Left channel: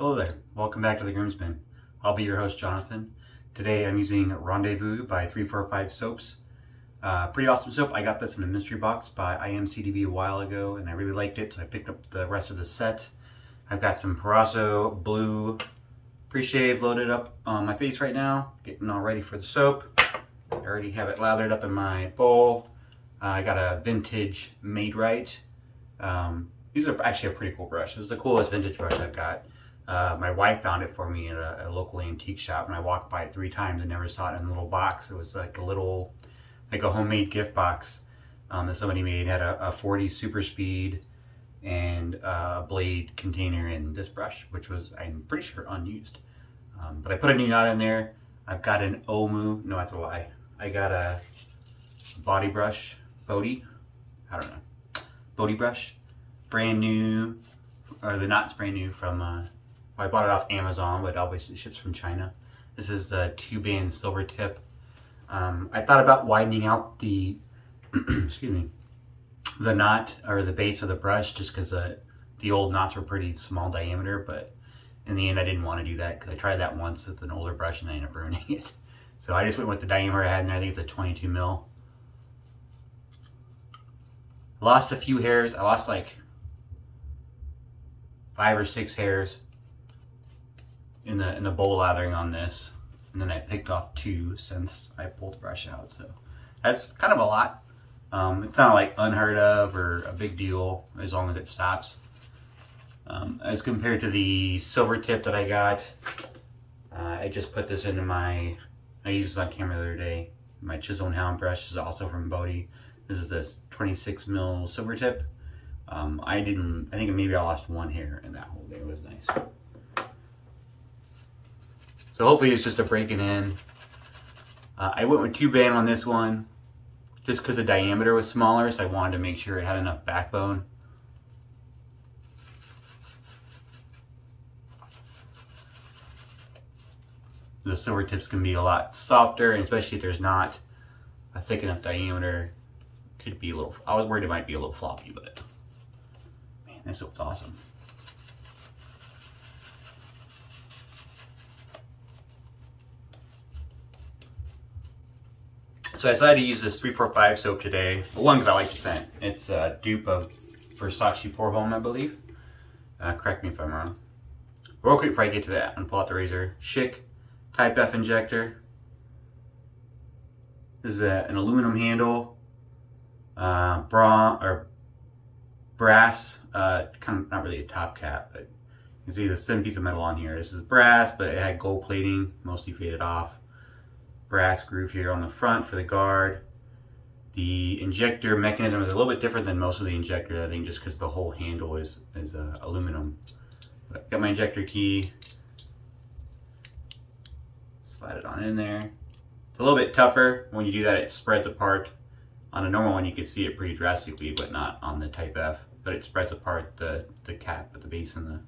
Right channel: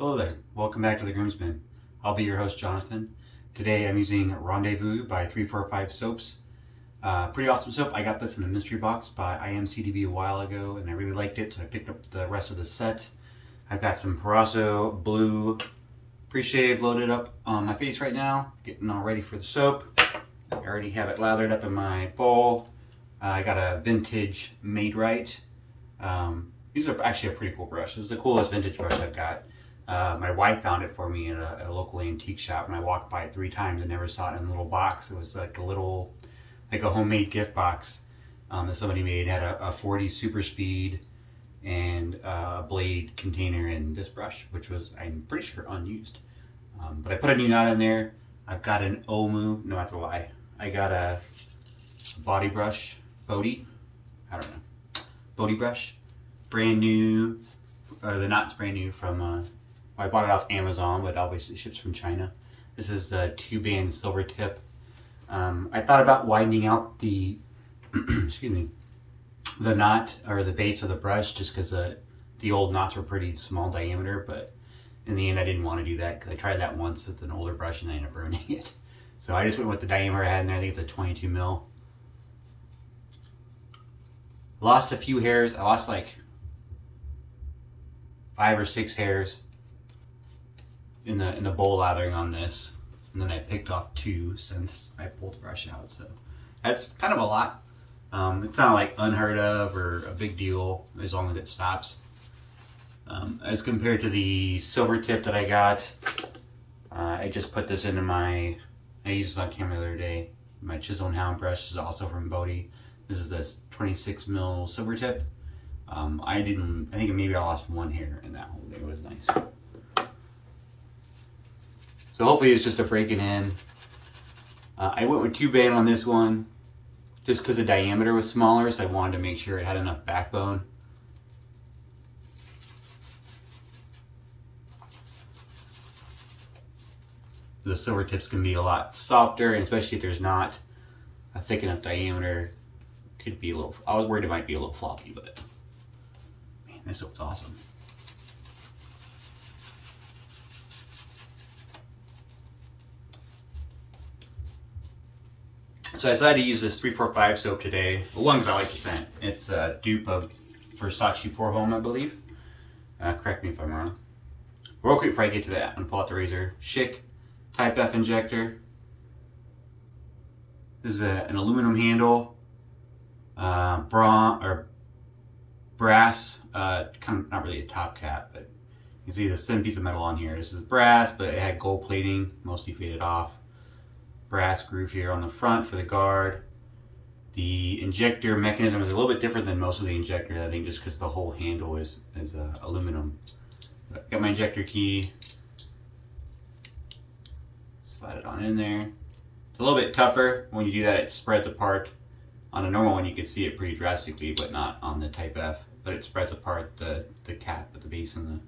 Hello there, welcome back to the Groomsman. I'll be your host, Jonathan. Today I'm using Rendezvous by 345 Soaps. Pretty awesome soap. I got this in a mystery box by IMCDB a while ago and I really liked it, so I picked up the rest of the set. I've got some Parazzo Blue pre-shave loaded up on my face right now, getting all ready for the soap. I already have it lathered up in my bowl. I got a vintage Made Right. These are actually a pretty cool brush. This is the coolest vintage brush I've got. My wife found it for me at a local antique shop, and I walked by it 3 times and never saw it in a little box. It was like a homemade gift box that somebody made. It had a 40 super speed and a blade container in this brush, which was, I'm pretty sure, unused. But I put a new knot in there. I've got an Omu, no, that's a lie. I got a body brush, Boti, I don't know, Boti brush, brand new, or the knot's brand new from, I bought it off Amazon, but obviously it ships from China. This is the 2-band silver tip. I thought about widening out the, excuse me, the knot or the base of the brush just because the old knots were pretty small diameter, but in the end I didn't want to do that because I tried that once with an older brush and I ended up ruining it. So I just went with the diameter I had in there. I think it's a 22 mil. Lost a few hairs. I lost like 5 or 6 hairs in the bowl lathering on this, and then I picked off 2 since I pulled the brush out. So that's kind of a lot. It's not like unheard of or a big deal as long as it stops. As compared to the silver tip that I got, I just put this into my, I used this on camera the other day. My Chisel and Hound brush is also from Boti. This is this 26 mil silver tip. I think maybe I lost 1 hair in that whole thing. It was nice. So hopefully it's just a breaking in. I went with 2-band on this one just because the diameter was smaller, so I wanted to make sure it had enough backbone. The silver tips can be a lot softer, and especially if there's not a thick enough diameter, it could be a little, I was worried it might be a little floppy, but man, this looks awesome. So I decided to use this 345 soap today. Well, one, because I like the scent. It's a dupe of Versace Pour Homme, I believe. Correct me if I'm wrong. Real quick before I get to that, I'm gonna pull out the razor. Schick Type F injector. This is an aluminum handle, brass, kind of not really a top cap, but you can see the thin piece of metal on here. This is brass, but it had gold plating, mostly faded off. Brass groove here on the front for the guard. The injector mechanism is a little bit different than most of the injectors, I think, just because the whole handle is aluminum. But got my injector key. Slide it on in there. It's a little bit tougher. When you do that, it spreads apart. On a normal one, you can see it pretty drastically, but not on the Type F. But it spreads apart the cap at the base and the...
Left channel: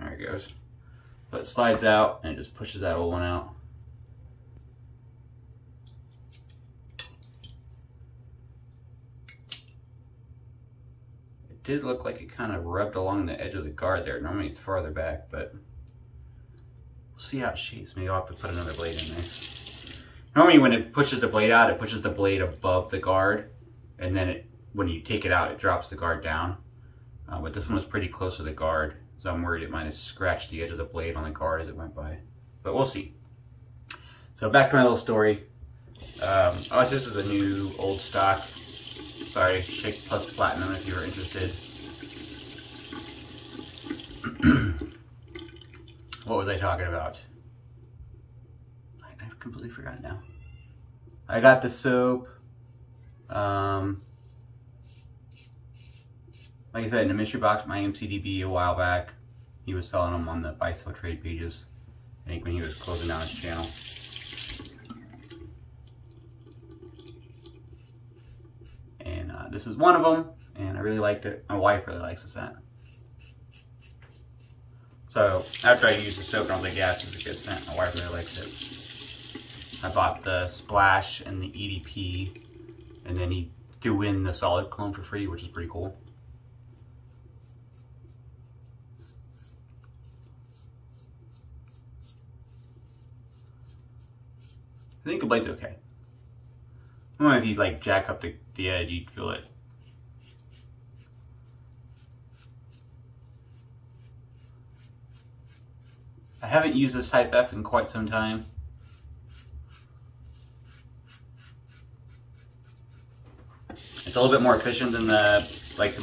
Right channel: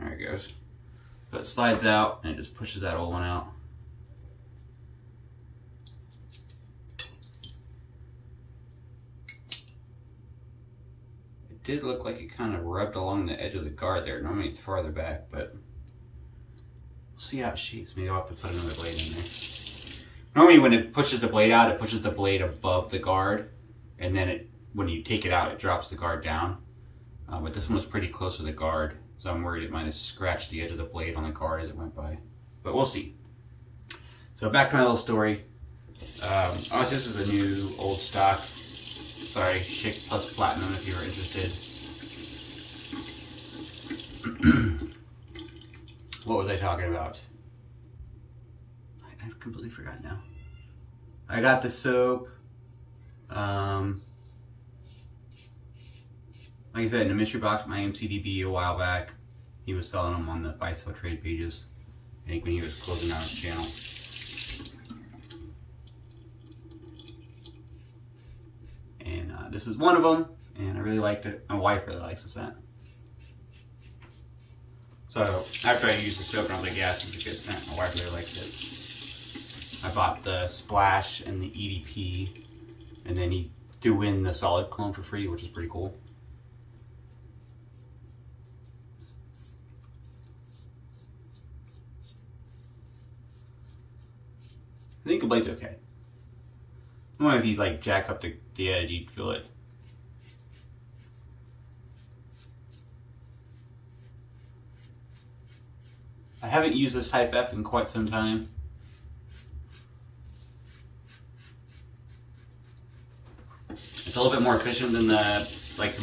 There it goes. So it slides out and it just pushes that old one out. It did look like it kind of rubbed along the edge of the guard there. Normally it's farther back, but we'll see how it shapes. Maybe I'll have to put another blade in there. Normally when it pushes the blade out, it pushes the blade above the guard, and then when you take it out, it drops the guard down. But this one was pretty close to the guard. So I'm worried it might have scratched the edge of the blade on the guard as it went by. But we'll see. So back to my little story. Oh, this is a new old stock. Sorry, Schick Plus Platinum if you were interested. What was I talking about? I've completely forgotten now. I got the soap. Like I said, in a mystery box from IMCDB a while back. He was selling them on the buy sell trade pages, I think, when he was closing down his channel. And this is one of them, and I really liked it. My wife really likes the scent. So after I used the soap, I was like, yeah, this is a good scent. My wife really likes it. I bought the Splash and the EDP, and then he threw in the solid cologne for free, which is pretty cool. I think the blade's okay. I don't know if you like jack up the edge, you'd feel it. I haven't used this Type F in quite some time. It's a little bit more efficient than the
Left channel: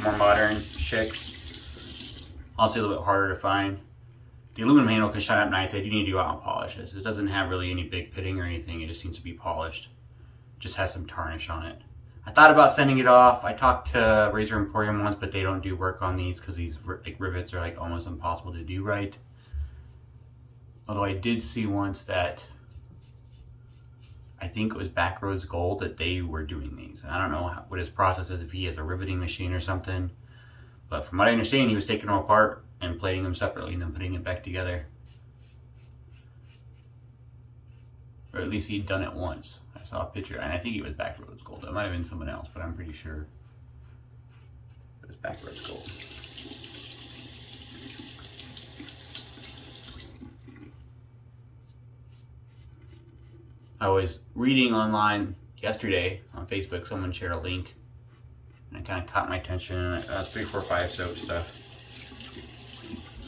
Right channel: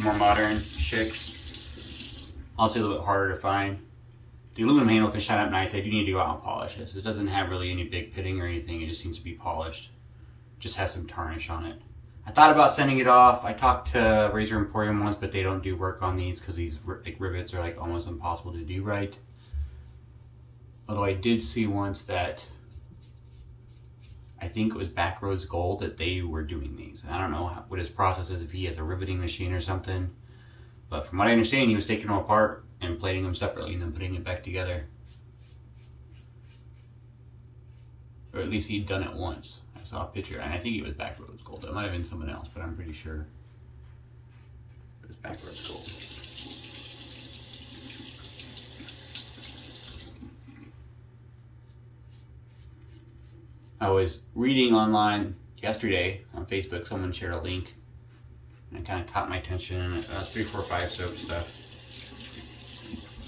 more modern Schicks. Also a little bit harder to find. The aluminum handle can shine up nice. I do need to go out and polish this. It doesn't have really any big pitting or anything. It just needs to be polished. It just has some tarnish on it. I thought about sending it off. I talked to Razor Emporium once, but they don't do work on these because these rivets are like almost impossible to do right. Although I did see once that I think it was Backroads Gold that they were doing these. I don't know what his process is, if he has a riveting machine or something. But from what I understand, he was taking them apart and plating them separately and then putting it back together. Or at least he'd done it once. I saw a picture, and I think it was Backroads Gold. It might have been someone else, but I'm pretty sure it was Backroads Gold. I was reading online yesterday on Facebook, someone shared a link, and it kind of caught my attention. 345 soap stuff.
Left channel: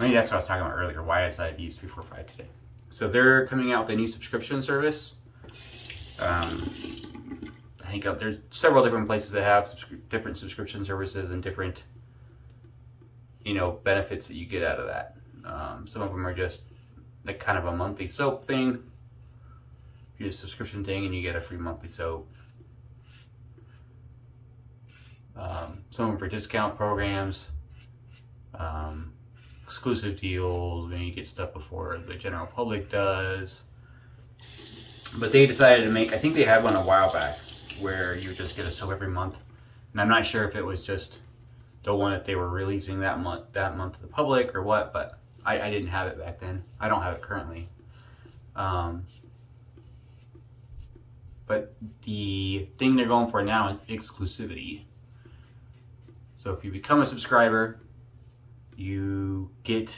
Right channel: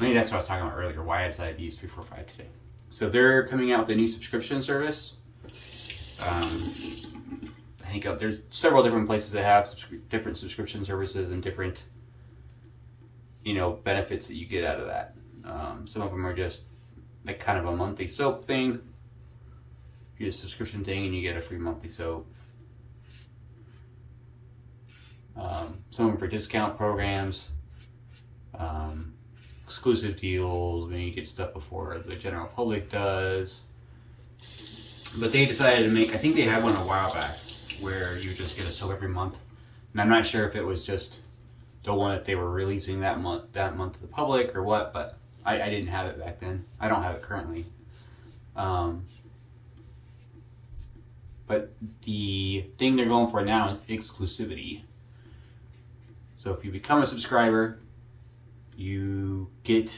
Maybe that's what I was talking about earlier, why I decided to use 345 today. So they're coming out with a new subscription service. I think there's several different places that have different subscription services and different, benefits that you get out of that. Some of them are just like kind of a monthly soap thing. You get a subscription thing and you get a free monthly soap. Some of them for discount programs, exclusive deals, when you get stuff before the general public does. But they decided to make, I think they had one a while back where you just get a soap every month. And I'm not sure if it was just the one that they were releasing that month to the public or what, but I didn't have it back then. I don't have it currently. But the thing they're going for now is exclusivity. So if you become a subscriber, you get,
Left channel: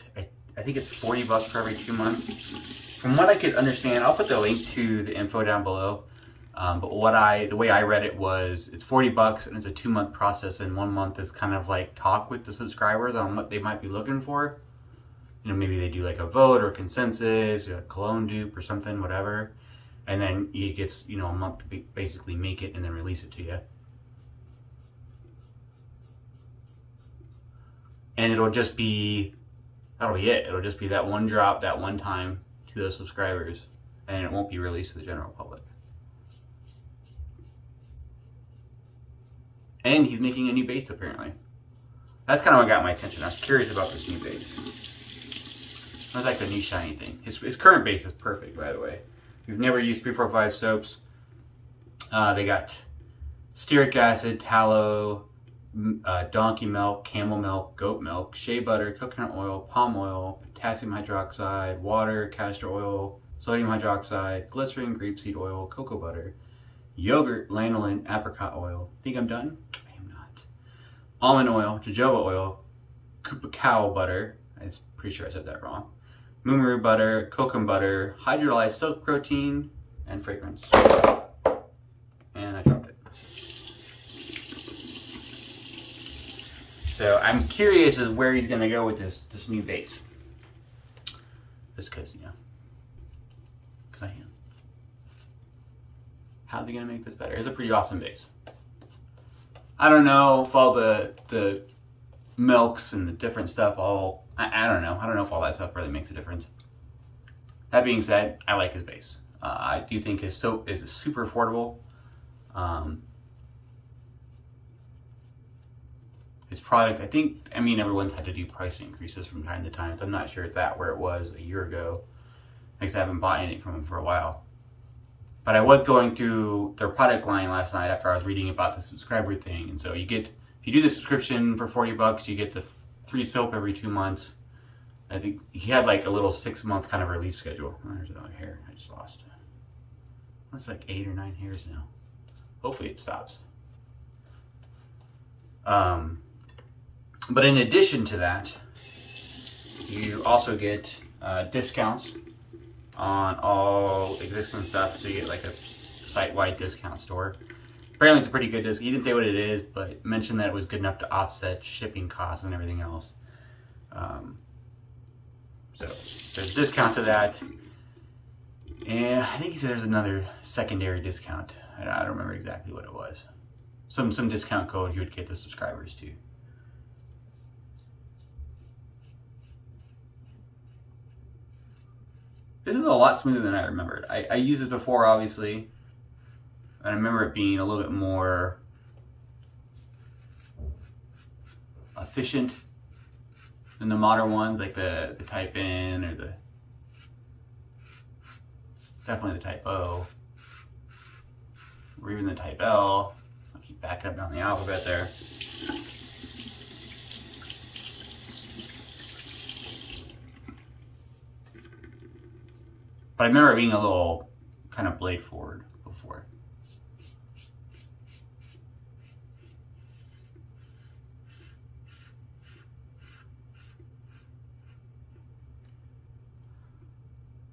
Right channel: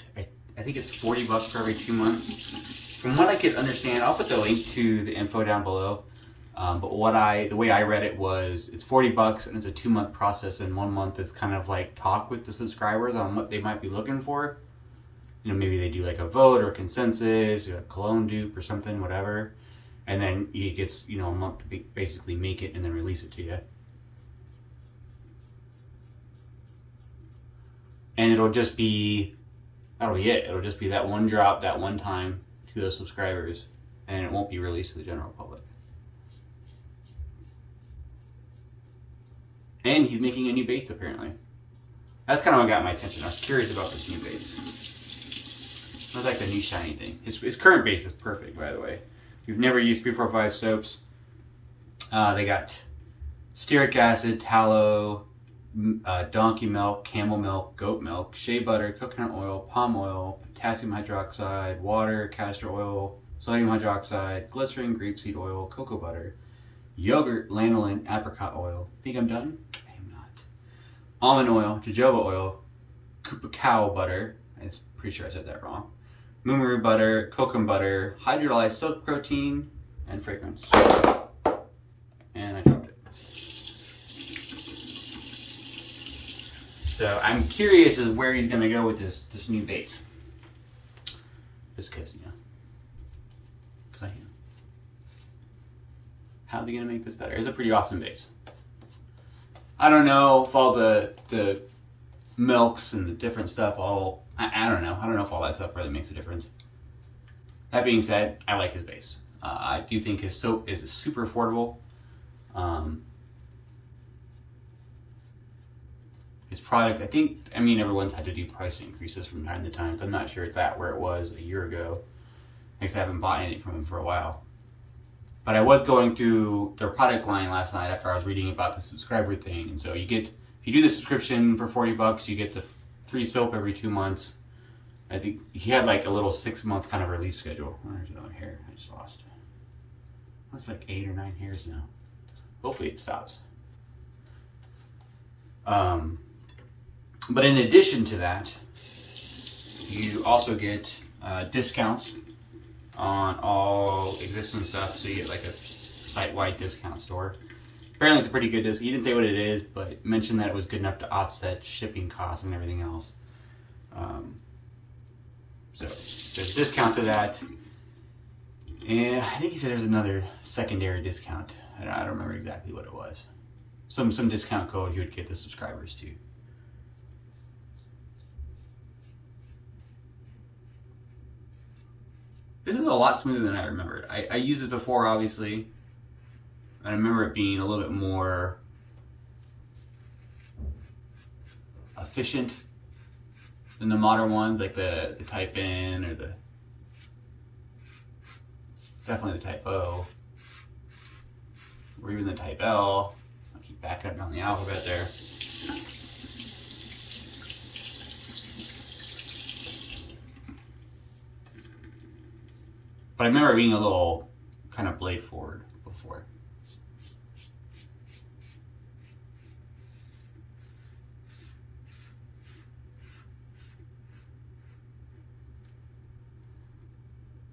I think it's $40 for every 2 months. From what I could understand, I'll put the link to the info down below. But the way I read it was, it's $40 and it's a 2-month process, and 1 month is kind of like talk with the subscribers on what they might be looking for. Maybe they do like a vote or a consensus or a cologne dupe or something, whatever. And then it gets, a month to basically make it and then release it to you. And that'll be it. It'll just be that one drop, that one time to those subscribers, and it won't be released to the general public. And he's making a new base, apparently. That's kind of what got my attention. I was curious about this new base. It was like the new shiny thing. His current base is perfect, by the way. If you've never used 345 soaps, they got stearic acid, tallow, donkey milk, camel milk, goat milk, shea butter, coconut oil, palm oil, potassium hydroxide, water, castor oil, sodium hydroxide, glycerin, grapeseed oil, cocoa butter, yogurt, lanolin, apricot oil. Think I'm done? I am not. Almond oil, jojoba oil, cacao butter. I'm pretty sure I said that wrong. Muumuru butter, kokum butter, hydrolyzed silk protein, and fragrance. And I dropped it. So I'm curious as where he's gonna go with this new base. Just because, because I am. How's he gonna make this better? It's a pretty awesome base. I don't know if all the milks and the different stuff I don't know. I don't know if all that stuff really makes a difference. That being said, I like his base. I do think his soap is super affordable. His product, everyone's had to do price increases from time to time. So I'm not sure it's at where it was a year ago. I haven't bought anything from him for a while. But I was going through their product line last night after I was reading about the subscriber thing. And so if you do the subscription for $40, you get the free soap every 2 months. I think he had like a little 6-month kind of release schedule. Where's the hair? I just lost it. It's like 8 or 9 hairs now. Hopefully it stops. But in addition to that, you also get discounts on all existing stuff. So you get like a site-wide discount store. Apparently it's a pretty good discount. He didn't say what it is, but mentioned that it was good enough to offset shipping costs and everything else. So there's a discount to that. And I think he said there's another secondary discount. I don't remember exactly what it was. Some discount code he would get the subscribers to. This is a lot smoother than I remembered. I used it before, obviously. And I remember it being a little bit more efficient than the modern ones, like the Type N or definitely the Type O, or even the Type L. I'll keep backing up down the alphabet there. But I remember it being a little kind of blade forward before.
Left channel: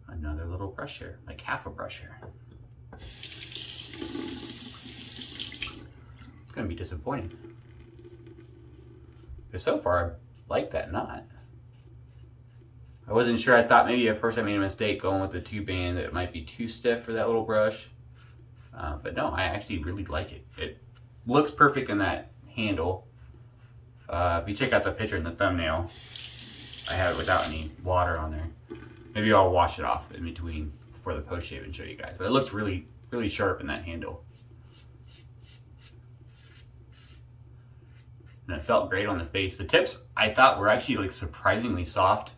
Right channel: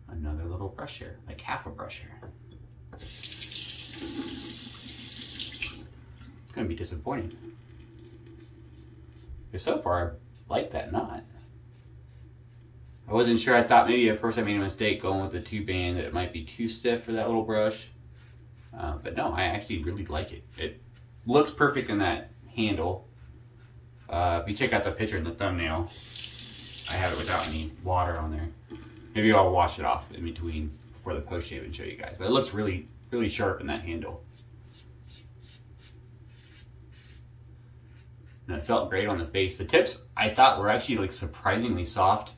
Another little brush here, like half a brush here. It's gonna be disappointing. Because so far, I like that knot. I wasn't sure. I thought maybe at first I made a mistake going with the 2-band, that it might be too stiff for that little brush. But no, I actually really like it. It looks perfect in that handle. If you check out the picture in the thumbnail, I have it without any water on there. Maybe I'll wash it off in between before the post shave and show you guys. But it looks really, really sharp in that handle. And it felt great on the face. The tips I thought were actually like surprisingly soft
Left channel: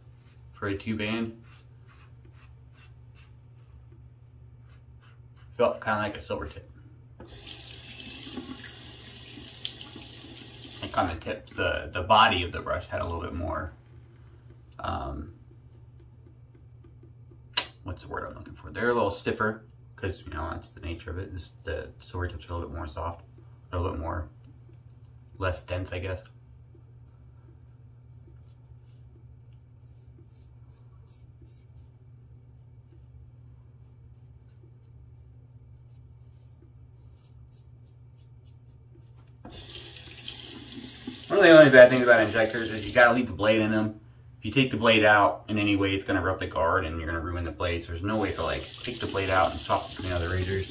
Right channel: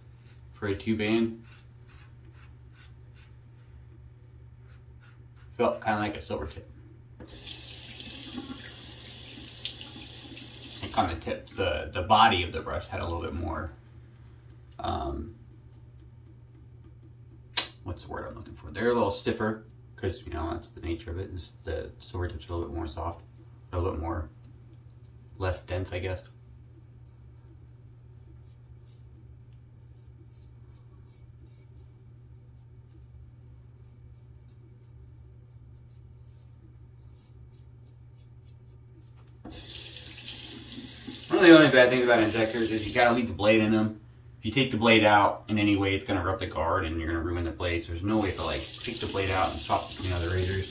for a 2-band. Felt kind of like a silver tip. Like on the tips, the body of the brush had a little bit more, what's the word I'm looking for? They're a little stiffer because, you know, that's the nature of it. The silver tips are a little bit more soft, a little bit more, less dense, I guess. One of the only bad things about injectors is you gotta leave the blade in them. If you take the blade out in any way, it's gonna rub the guard and you're gonna ruin the blade. So there's no way to like take the blade out and swap between other razors.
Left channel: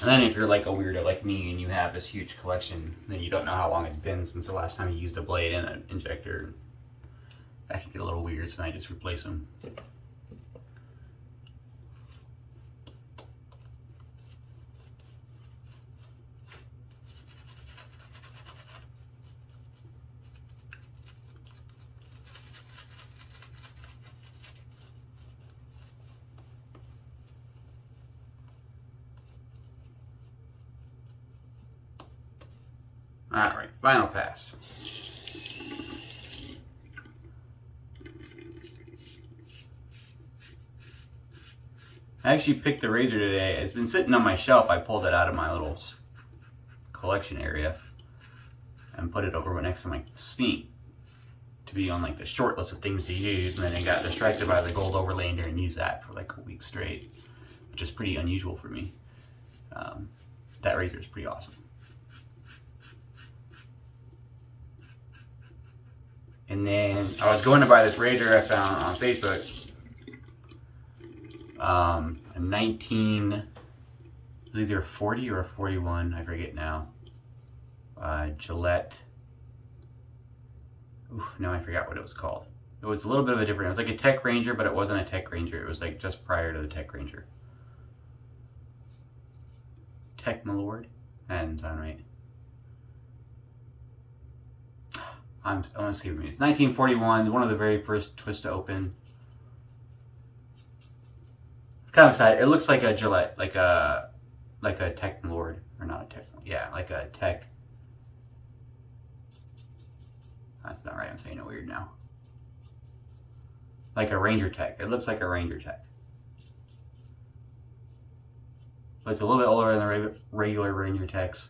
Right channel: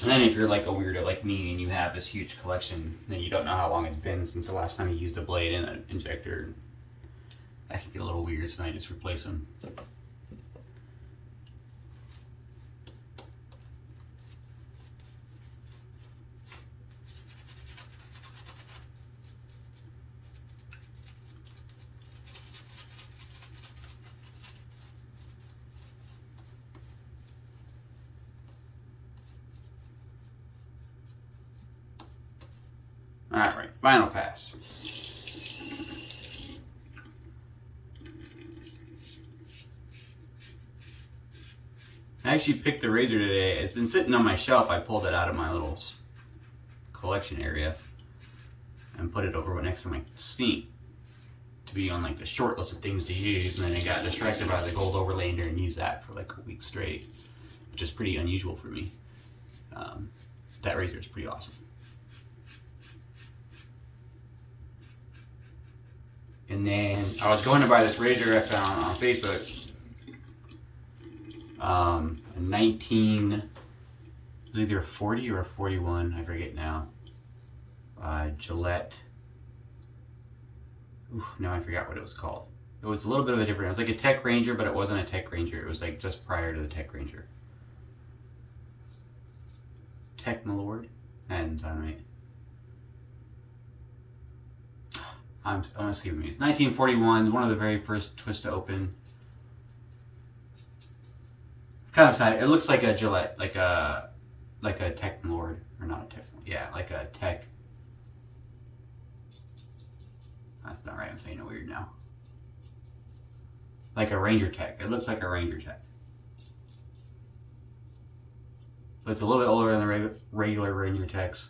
And then if you're like a weirdo like me and you have this huge collection, then you don't know how long it's been since the last time you used a blade in an injector. That can get a little weird, so I just replace them. All right, final pass. I actually picked the razor today. It's been sitting on my shelf. I pulled it out of my little collection area and put it over next to my sink to be on like the short list of things to use. And then I got distracted by the gold overlander and used that for like a week straight, which is pretty unusual for me. That razor is pretty awesome. And then I was going to buy this razor I found on Facebook. A 19, it was either a 40 or a 41, I forget now. Gillette. Oof, no, I forgot what it was called. It was a little bit of a different, it was like a Tech Ranger, but it wasn't a Tech Ranger. It was like just prior to the Tech Ranger. Tech Malord? That didn't sound right. I want to see what it means. It's 1941, one of the very first twist to open. It's kind of exciting. It looks like a Gillette, like a Tech Lord, or not a Tech, yeah, like a Tech That's not right, I'm saying it weird now. Like a Ranger Tech. It looks like a Ranger Tech. But it's a little bit older than the regular Ranger Techs.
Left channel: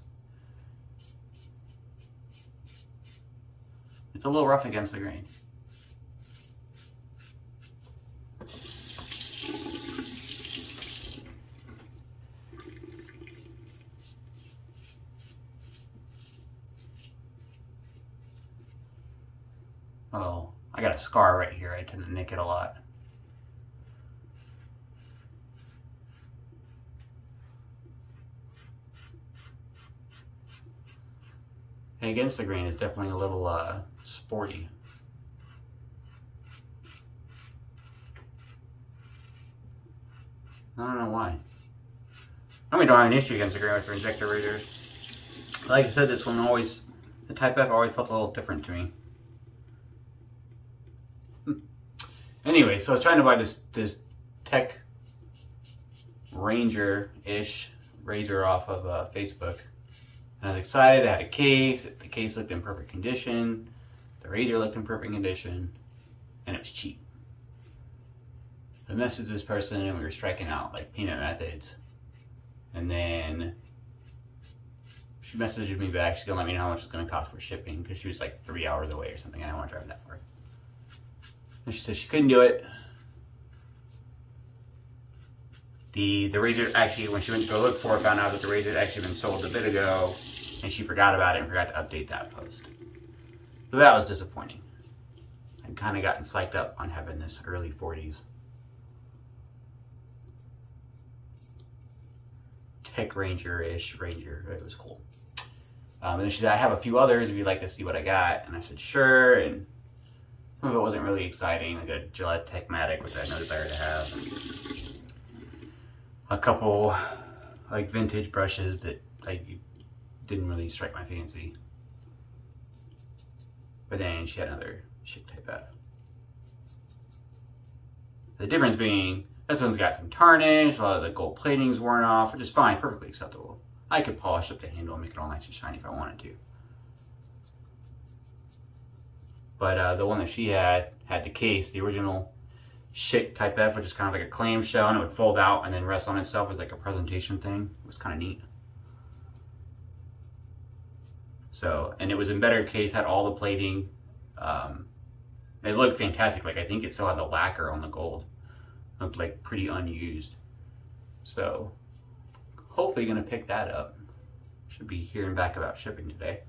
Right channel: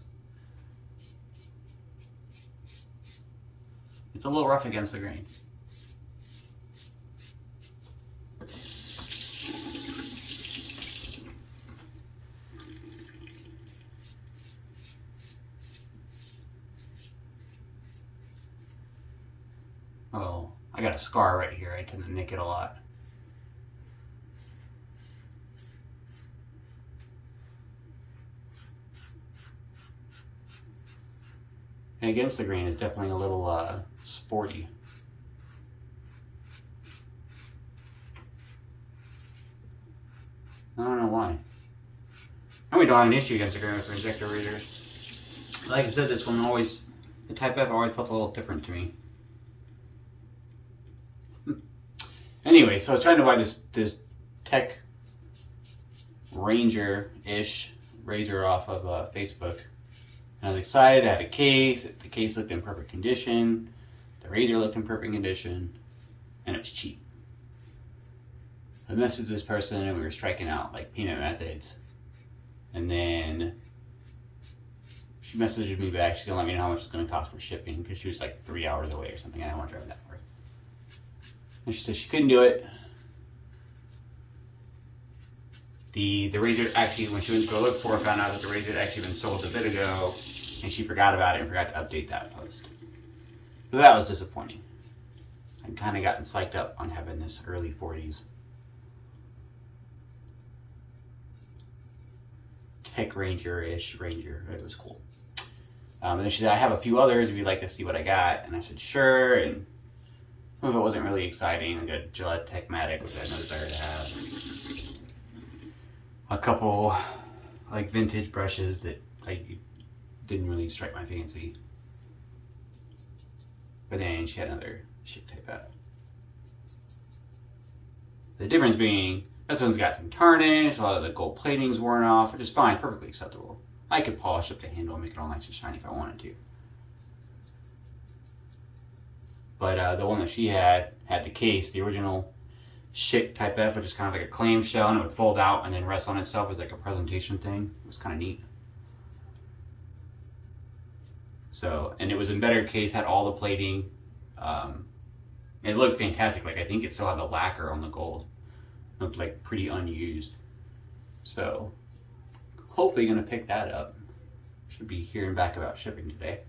It's a little rough against the grain. Oh, I got a scar right here. I tend to nick it a lot. And against the grain is definitely a little sporty. I don't know why. I mean, don't have an issue against the grain with the injector razors. Like I said, this one always, the Type F always felt a little different to me. Anyway, so I was trying to buy this Tech Ranger-ish razor off of Facebook. And I was excited, I had a case, the case looked in perfect condition, the razor looked in perfect condition, and it was cheap. I messaged this person and we were striking out like payment methods. And then she messaged me back, she's gonna let me know how much it's gonna cost for shipping because she was like 3 hours away or something. I didn't want to drive that far. And she said she couldn't do it. The razor actually, when she went to go look for it, found out that the razor had actually been sold a bit ago, and she forgot about it and forgot to update that post. So that was disappointing. I'd kind of gotten psyched up on having this early 40s Tech Ranger-ish Ranger. It was cool. And then she said, I have a few others if you'd like to see what I got. And I said, sure. And some of it wasn't really exciting. I got a Gillette Techmatic, which I had no desire to have. A couple like vintage brushes that like didn't really strike my fancy. But then she had another Schick Type F. The difference being, this one's got some tarnish, a lot of the gold plating's worn off, which is fine, perfectly acceptable. I could polish up the handle and make it all nice and shiny if I wanted to. But the one that she had the case, the original Schick Type F, which is kind of like a clamshell, and it would fold out and then rest on itself as like a presentation thing. It was kind of neat. So, and it was in better case, had all the plating. It looked fantastic. Like, I think it still had the lacquer on the gold. It looked like pretty unused. So, hopefully gonna pick that up. Should be hearing back about shipping today.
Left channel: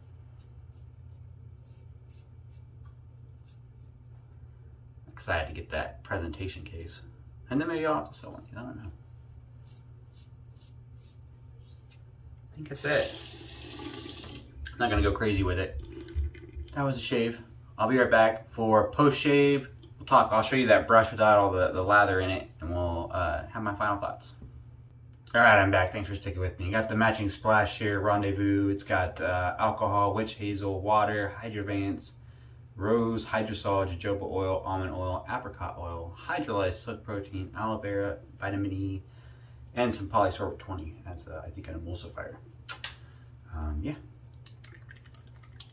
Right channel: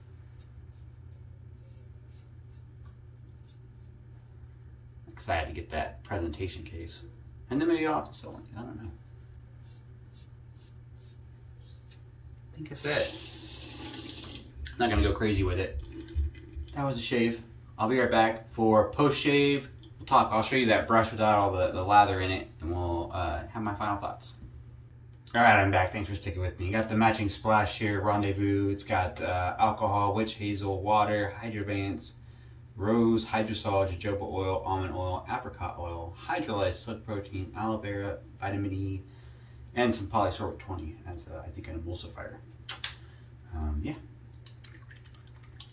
Excited to get that presentation case. And then maybe I'll have to sell one. I don't know. I think that's it. I'm not gonna go crazy with it. That was a shave. I'll be right back for post-shave. I'll show you that brush without all the lather in it, and we'll have my final thoughts. All right, I'm back. Thanks for sticking with me. Got the matching splash here, Rendezvous. It's got alcohol, witch hazel, water, hydrovance, rose, hydrosol, jojoba oil, almond oil, apricot oil, hydrolyzed silk protein, aloe vera, vitamin E, and some polysorbate 20 as I think an emulsifier. Yeah.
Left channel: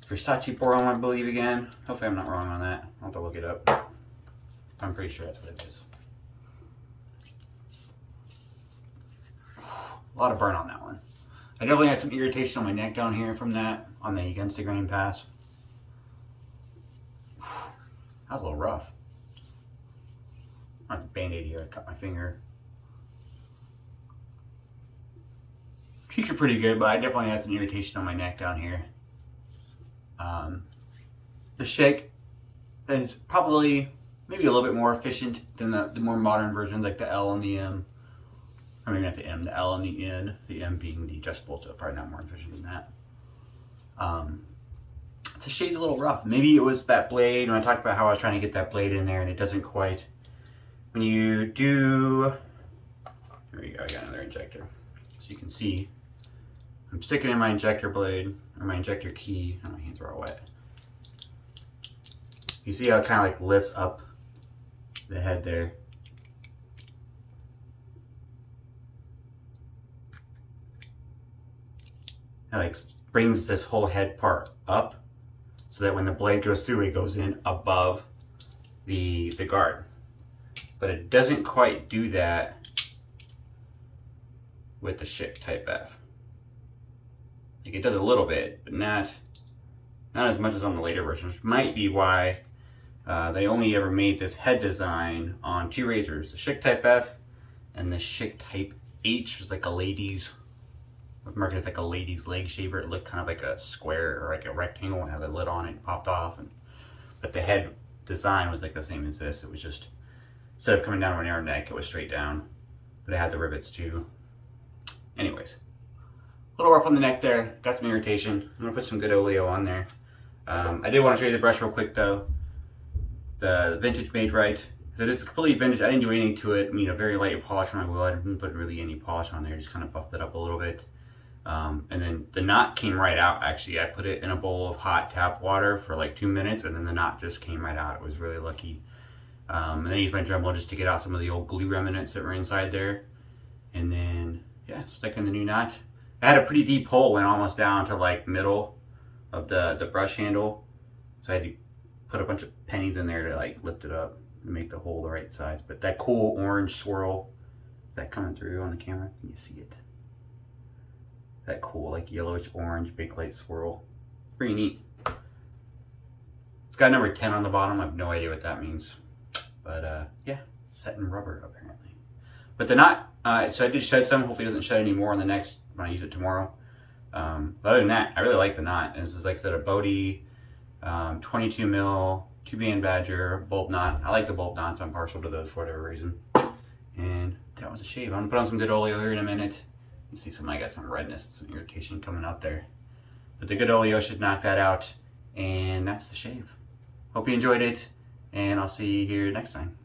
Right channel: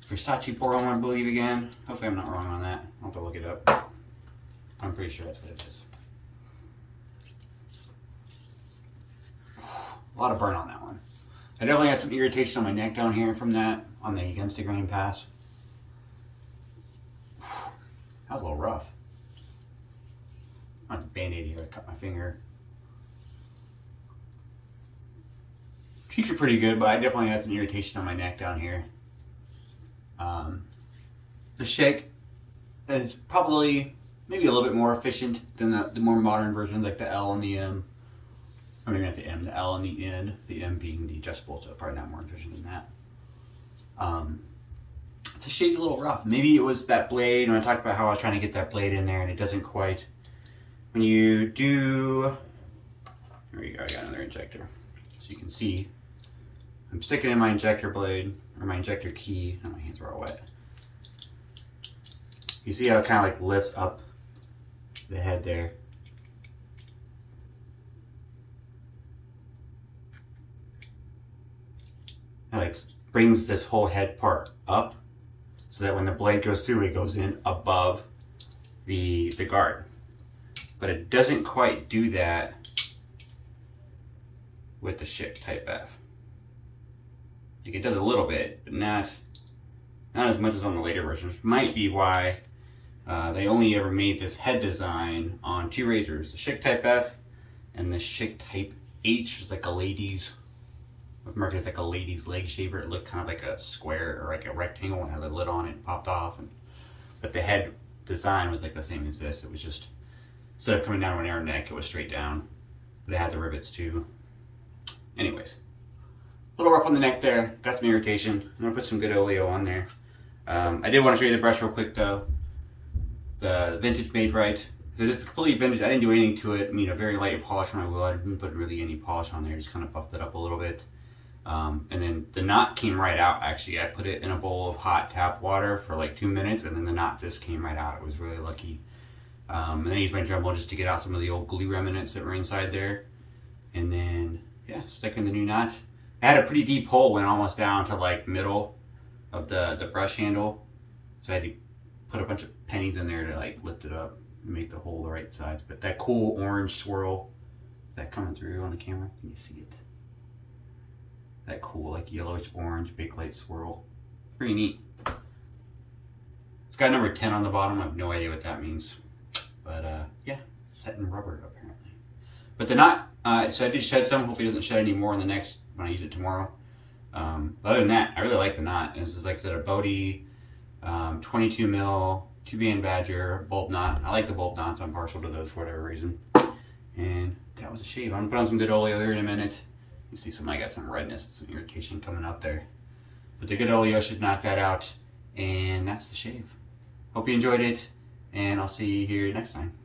Versace boron, I believe again. Hopefully I'm not wrong on that. I'll have to look it up. I'm pretty sure that's what it is. A lot of burn on that one. I definitely got some irritation on my neck down here from that, on the against the grain pass. That was a little rough. I have a band-aid here, I cut my finger. Cheeks are pretty good, but I definitely had some irritation on my neck down here. The Schick is probably maybe a little bit more efficient than the more modern versions, like the L and the M. I mean, not the M, the L and the N. The M being the adjustable, so probably not more efficient than that. The shade's a little rough. Maybe it was that blade, and I talked about how I was trying to get that blade in there, and it doesn't quite. When you do, here we go, I got another injector. So you can see, I'm sticking in my injector blade, or my injector key, and my hands are all wet. You see how it kind of like lifts up the head there. It like brings this whole head part up. so that when the blade goes through, it goes in above the guard. But it doesn't quite do that with the Schick Type F. Like, it does a little bit, but not as much as on the later version, which might be why they only ever made this head design on 2 razors, the Schick Type F and the Schick Type H, which is like a lady's, was marketed as like a lady's leg shaver. It looked kind of like a square or like a rectangle and had the lid on it and popped off. But the head design was like the same as this. It was just, instead of coming down to an arrow neck, it was straight down, but it had the rivets too. Anyways, a little rough on the neck there, got some irritation. I'm gonna put some good Oleo on there. I did want to show you the brush real quick though. The vintage made right. So this is completely vintage. I didn't do anything to it. I mean, a very light polish on my wheel. I didn't put really any polish on there. Just kind of buffed it up a little bit. And then the knot came right out. Actually, I put it in a bowl of hot tap water for like 2 minutes, and then the knot just came right out. It was really lucky. And then I used my Dremel just to get out some of the old glue remnants that were inside there. And then, yeah, stick in the new knot. I had a pretty deep hole, went almost down to like middle of the brush handle. So I had to put a bunch of pennies in there to like lift it up and make the hole the right size. But that cool orange swirl, is that coming through on the camera? Can you see it? That cool like yellowish orange bakelite swirl. Pretty neat. It's got number 10 on the bottom. I have no idea what that means. But yeah, satin rubber apparently. But the knot, so I did shed some. Hopefully it doesn't shed any more on the next, when I use it tomorrow. But other than that, I really like the knot. And this is like I said, a Boti 22 mil 2-band Badger bolt knot. I like the bolt knots. I'm partial to those for whatever reason. And that was a shave. I'm gonna put on some good Oleo here in a minute. You see I got some redness, some irritation coming up there. But the good Oleo should knock that out. And that's the shave. Hope you enjoyed it. And I'll see you here next time.